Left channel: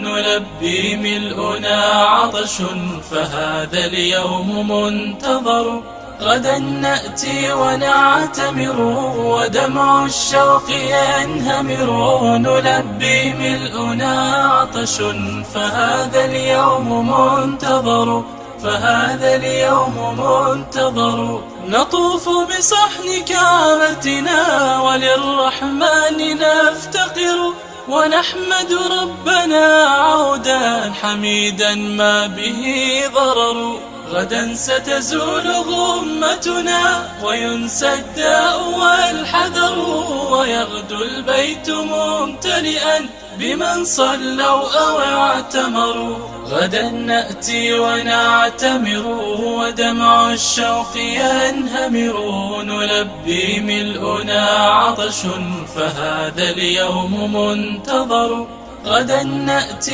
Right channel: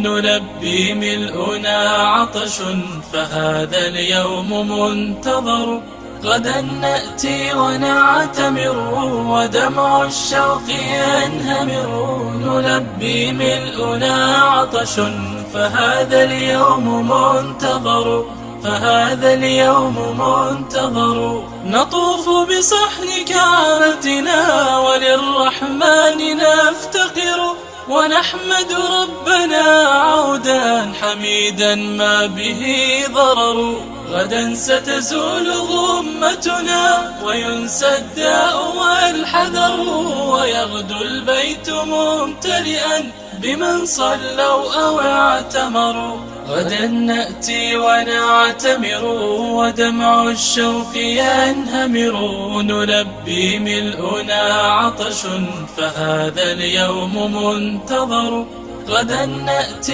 نلبي ملؤنا عطش فهذا اليوم منتظر. غدا نأتي ونعتمر ودمع الشوق ينهمر. نلبي ملؤنا عطش فهذا اليوم منتظر. فهذا اليوم منتظر. نطوف بصحن كعبتنا وللرحمن نفتقر. ونحمد ربنا عودا حميدا ما به ضرر. غدا ستزول غمتنا وينسى الداء والحذر. ويغدو البيت ممتلئا بمن صلوا أو اعتمروا. غدا نأتي ونعتمر ودمع الشوق ينهمر. نلبي ملؤنا عطش فهذا اليوم منتظر. غدا نأتي